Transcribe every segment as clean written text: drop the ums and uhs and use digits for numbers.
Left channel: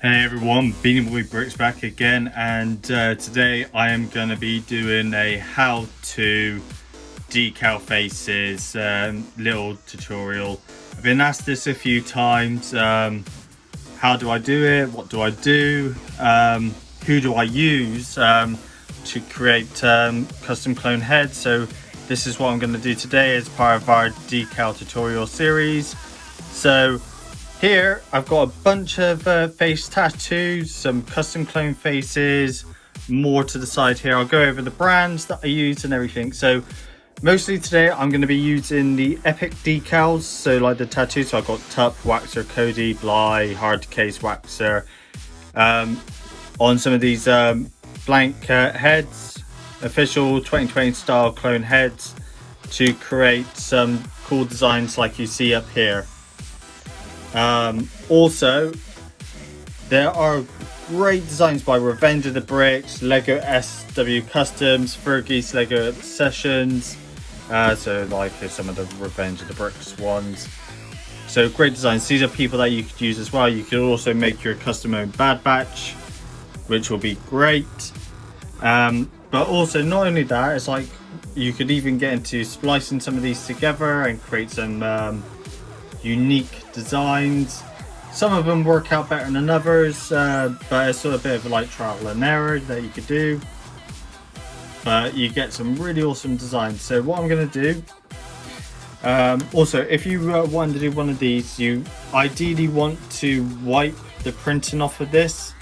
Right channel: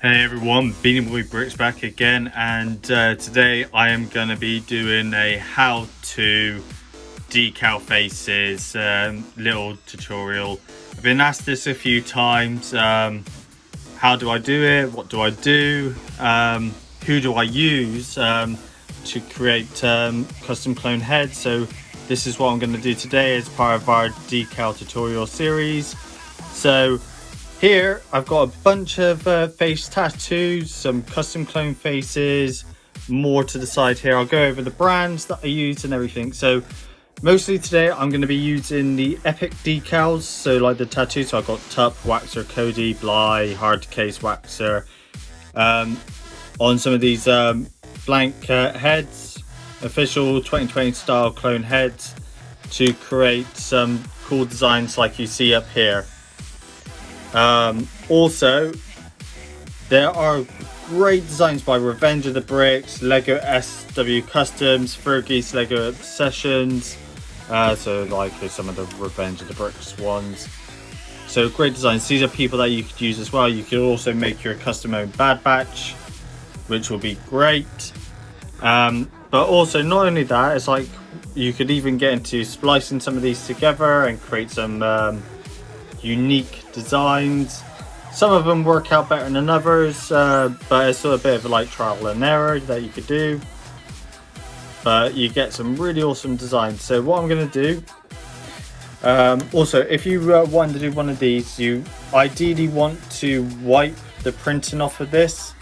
Hey everyone, BlueHarvestBricks back again, and today I am going to be doing a how-to decal faces little tutorial. I've been asked this a few times. How do I do it? What do I do? Who do I use to create custom clone heads? So this is what I'm going to do today as part of our decal tutorial series. So here I've got a bunch of face tattoos, some custom clone faces, more to the side here. I'll go over the brands that I use and everything. So mostly today I'm going to be using the Epic.decals, so like the tattoos. So I've got Tup, Waxer, Cody, Bly, Hard Case, Waxer on some of these blank heads, official 2020 style clone heads, to create some cool designs like you see up here. Also, there are great designs by Revenge of the Bricks, Lego SW Customs, Fergie's Lego Obsessions, so like some of the Revenge of the Bricks ones. So great designs. These are people that you could use as well. You could also make your custom own Bad Batch, which will be great. But also not only that, it's like you could even get into splicing some of these together and create some unique designs. Some of them work out better than others, but it's still a bit of like trial and error that you could do, but you get some really awesome designs. So what I'm going to do, also if you want to do one of these, you ideally want to wipe the printing off of this,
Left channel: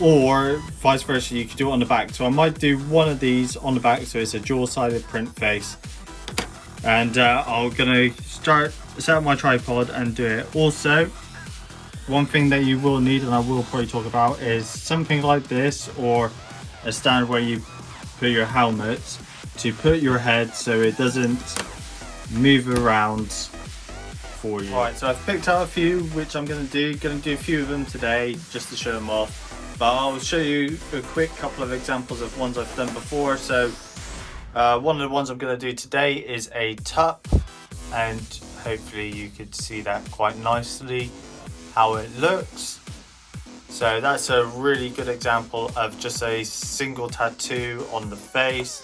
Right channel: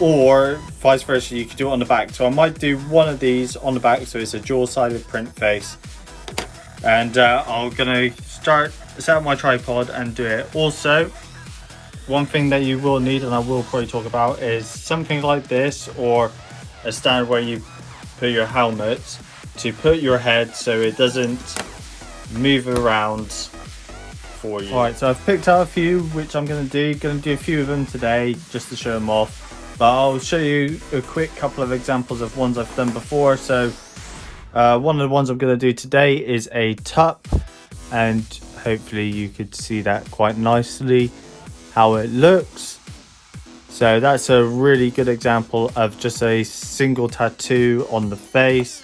or vice versa, you could do it on the back. So I might do one of these on the back, so it's a dual-sided print face, and I'm gonna set up my tripod and do it. Also, one thing that you will need, and I will probably talk about, is something like this, or a standard where you put your helmet to put your head so it doesn't move around for you. Alright, so I've picked out a few which I'm gonna do a few of them today just to show them off, but I'll show you a quick couple of examples of ones I've done before. So one of the ones I'm going to do today is a Tup, and hopefully you could see that quite nicely how it looks. So that's a really good example of just a single tattoo on the face.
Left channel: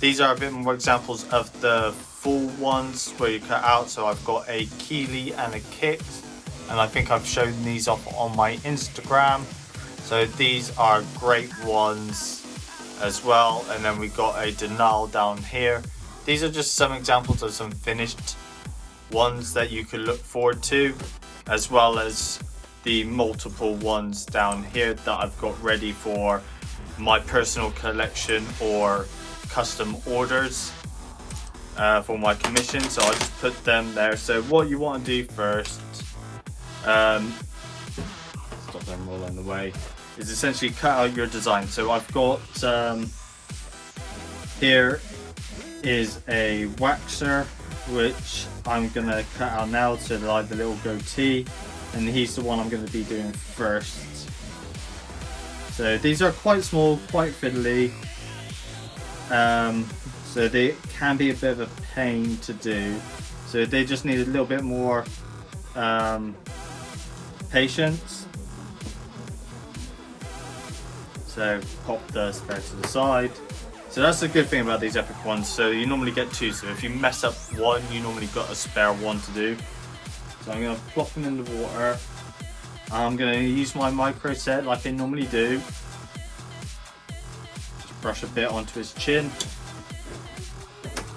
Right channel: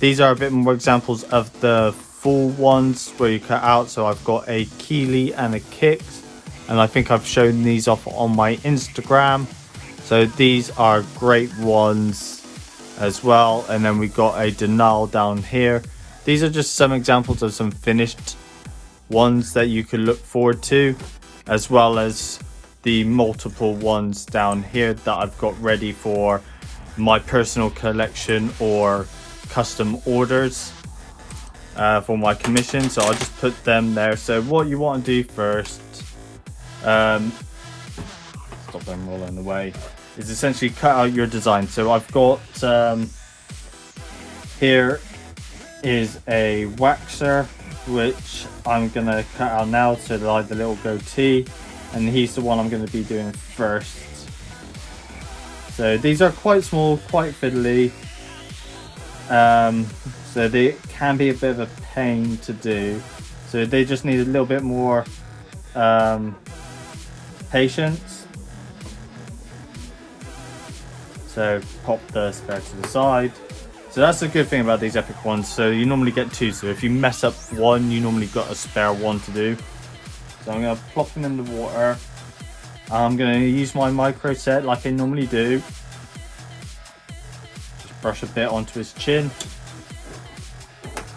These are a bit more examples of the full ones where you cut out. So I've got a Keely and a Kick, and I think I've shown these off on my Instagram. So these are great ones as well. And then we got a Decal down here. These are just some examples of some finished ones that you can look forward to, as well as the multiple ones down here that I've got ready for my personal collection or custom orders for my commission. So I'll just put them there. So what you want to do first, stop them all on the way, is essentially cut out your design. So I've got here is a Waxer, which I'm gonna cut out now, so like the little goatee, and he's the one I'm going to be doing first. So these are quite small, quite fiddly, so they can be a bit of a pain to do, so they just need a little bit more patience. So pop the spare to the side. So that's the good thing about these Epic ones. So you normally get two. So if you mess up one, you normally got a spare one to do. So I'm going to plop him in the water. I'm going to use my micro set like I normally do. Just brush a bit onto his chin.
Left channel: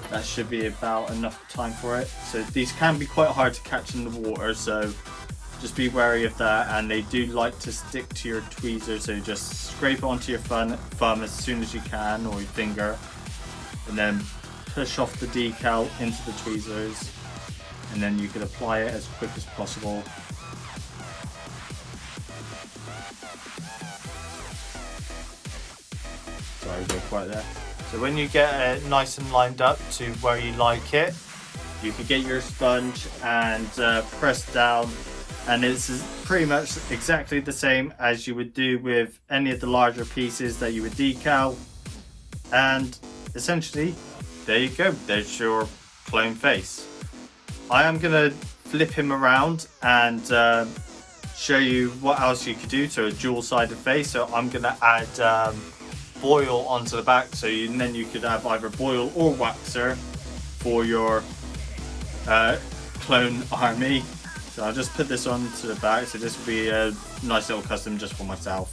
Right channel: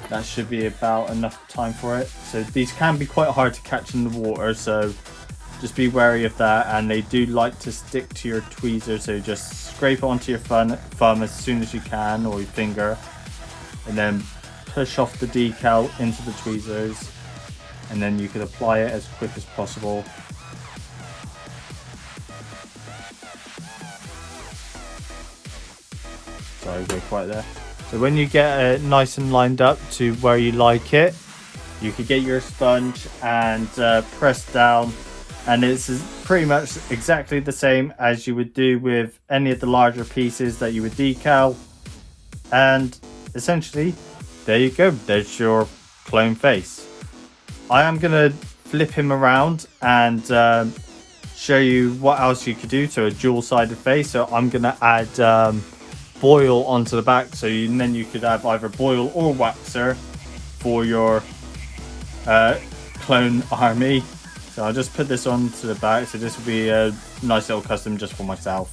That should be about enough time for it. So these can be quite hard to catch in the water, so just be wary of that, and they do like to stick to your tweezers, so just scrape it onto your thumb as soon as you can, or your finger, and then push off the decal into the tweezers, and then you can apply it as quick as possible. Sorry, we're quite there. So when you get it nice and lined up to where you like it, you can get your sponge and press down, and it's pretty much exactly the same as you would do with any of the larger pieces that you would decal. And essentially, there you go, there's your clone face. I am going to flip him around and show you what else you could do to a dual-sided face. So I'm gonna add foil onto the back, so then you could have either foil or waxer for your clone army. So I'll just put this onto the back. So this will be a nice little custom just for myself.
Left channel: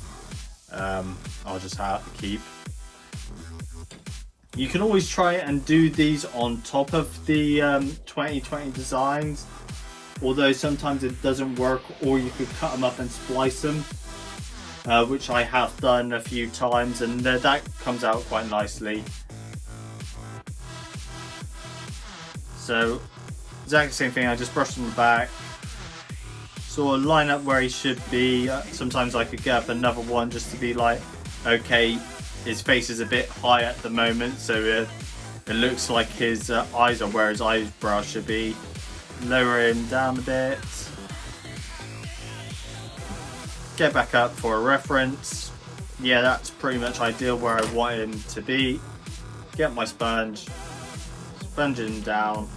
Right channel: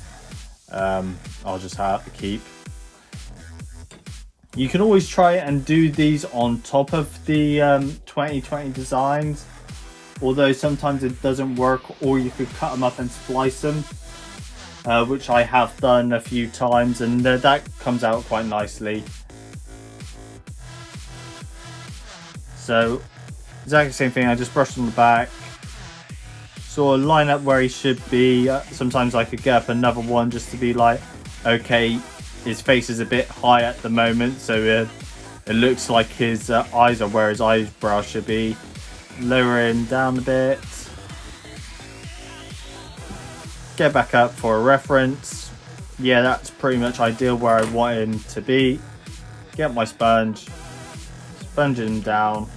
I'll just have to keep. You can always try and do these on top of the 2020 designs, although sometimes it doesn't work, or you could cut them up and splice them, which I have done a few times, and that comes out quite nicely. So exactly the same thing, I just brushed on the back, sort of line up where he should be. Sometimes I could get up another one just to be like, okay, his face is a bit high at the moment, so it looks like his eyes are where his eyebrow should be. Lower him down a bit. Get back up for a reference. Yeah, that's pretty much ideal where I want him to be. Get my sponge. Sponge him down.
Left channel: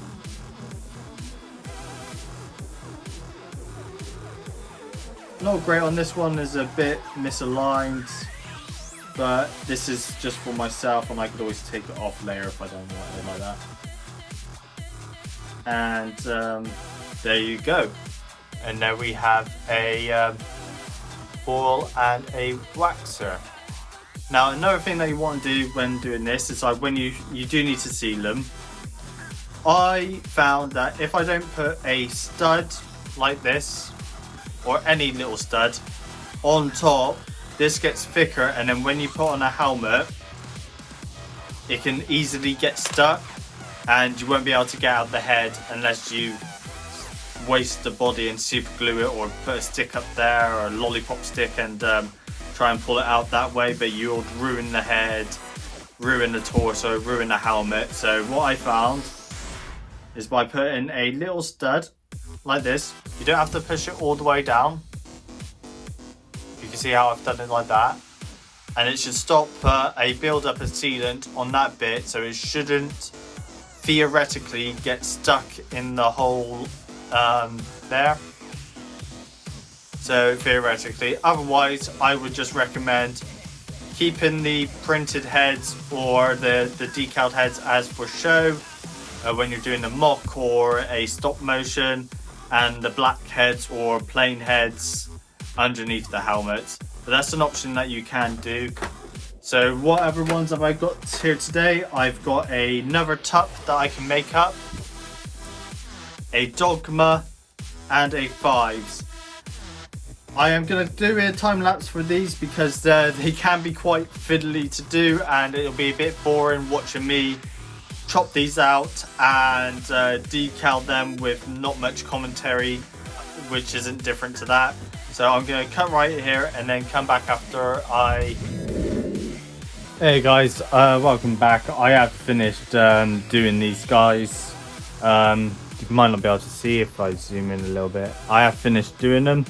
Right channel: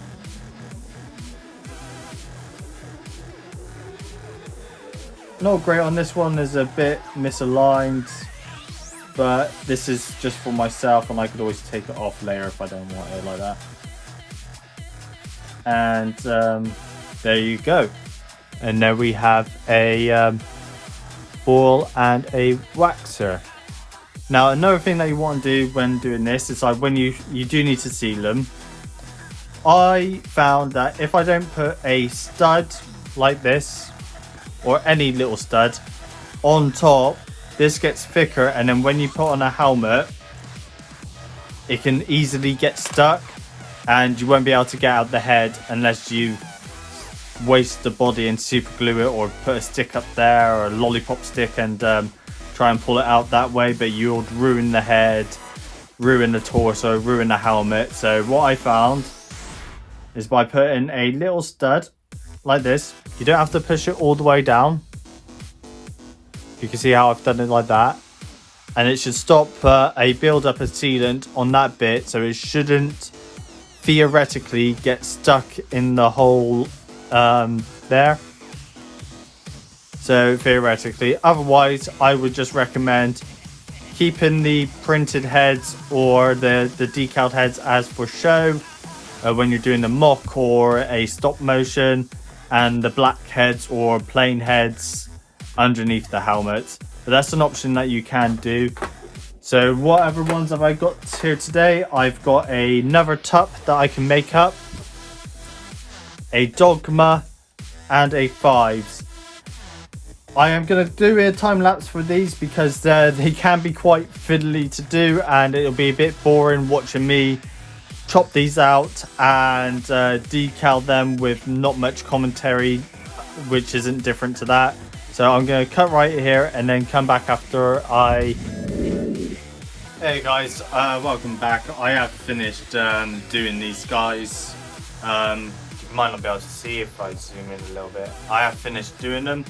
Not great on this one, there's a bit misaligned, but this is just for myself, and I could always take it off later if I don't want it like that. And there you go. And then we have a foil and a waxer. Now another thing that you want to do when doing this is like when you do need to seal them. I found that if I don't put a stud like this, or any little stud on top, this gets thicker, and then when you put on a helmet it can easily get stuck, and you won't be able to get out the head unless you waste the body and super glue it, or put a stick up there or a lollipop stick and try and pull it out that way, but you'll ruin the head, ruin the torso, ruin the helmet. So what I found is by putting a little stud like this, you don't have to push it all the way down. You can see how I've done it like that, and it should stop a build up of sealant on that bit, so it shouldn't theoretically get stuck in the hole there. So theoretically, otherwise I would just recommend keeping the printed heads or the decaled heads as for show when you're doing the mock or a stop motion, and the black heads or plain heads underneath the helmet. But that's an option that you can do. So what other ones have I got here today? I've got another tup that I can make up, a dogma, and a fives. I am going to do a time lapse for these because they can be quite fiddly to do, and it'll be a bit boring watching me chop these out and decal them with not much commentary, which isn't different to that. So I'm going to cut right here and then come back after I... Hey guys, welcome back. I have finished doing these guys. You might not be able to see if I zoom in a little bit. I have finished doing them.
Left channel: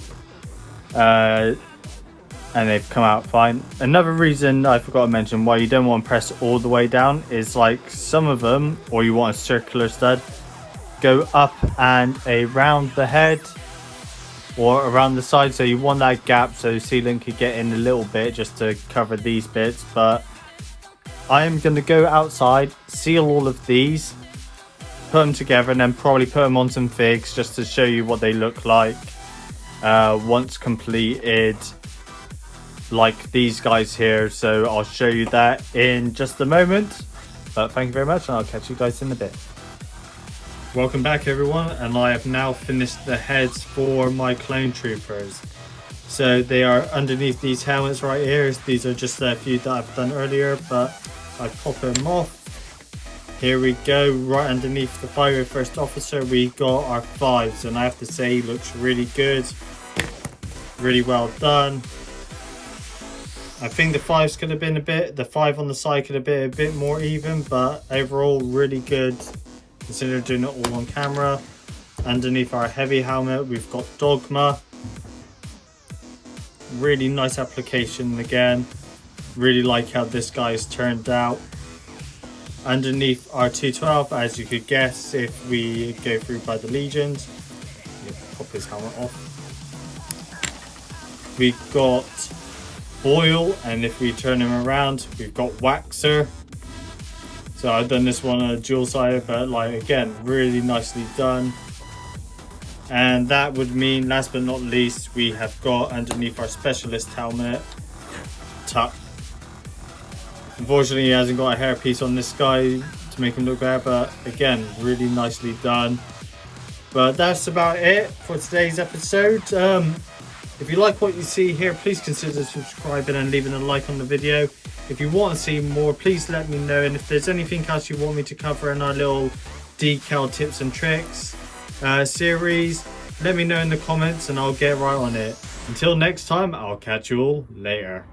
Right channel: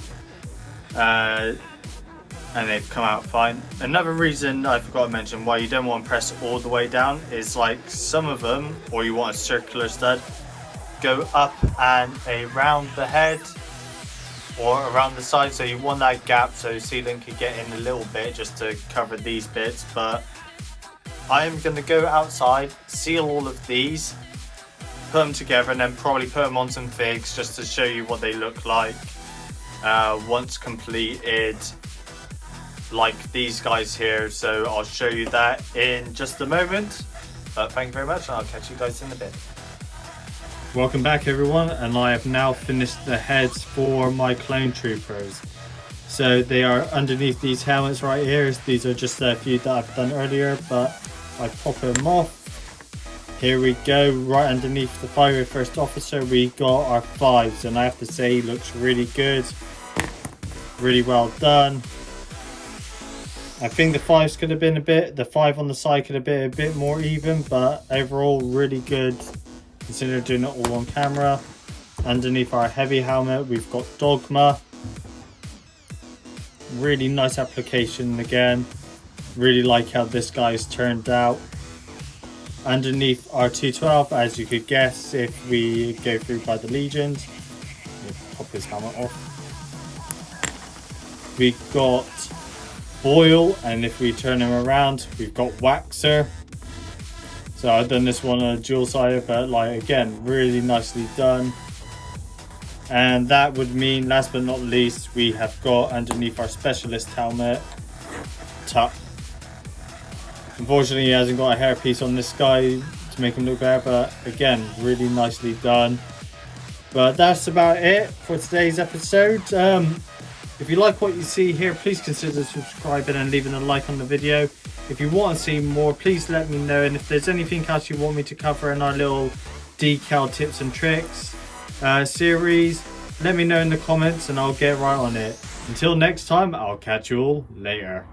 And they've come out fine. Another reason I forgot to mention why you don't want to press all the way down is like some of them, or you want a circular stud, go up and around the head or around the side, so you want that gap so sealant could get in a little bit just to cover these bits. But I am going to go outside, seal all of these, put them together, and then probably put them on some figs just to show you what they look like once completed, like these guys here. So I'll show you that in just a moment, but thank you very much and I'll catch you guys in a bit. Welcome back everyone, and I have now finished the heads for my clone troopers. So they are underneath these helmets right here. These are just a few that I've done earlier, but I pop them off. Here we go, right underneath the 501st officer we got our fives, and I have to say he looks really good, really well done. I think the fives could have been the five on the side could have been a bit more even, but overall really good considering doing it all on camera. Underneath our heavy helmet we've got dogma. Really nice application again. Really like how this guy's turned out. Underneath our 212, as you could guess if we go through by the legions. We'll pop his helmet off. we got Boil, and if we turn him around, we've got Waxer. So I've done this one on a dual side, but like again, really nicely done. And that would mean, last but not least, we have got underneath our specialist helmet, Tuck. Unfortunately, he hasn't got a hairpiece on this guy to make him look better, but again, really nicely done. But that's about it for today's episode. If you like what you see here, please consider subscribing and leaving a like on the video. If you want to see more, please let me know. And if there's anything else you want me to cover in our little decal tips and tricks series, let me know in the comments and I'll get right on it. Until next time, I'll catch you all later.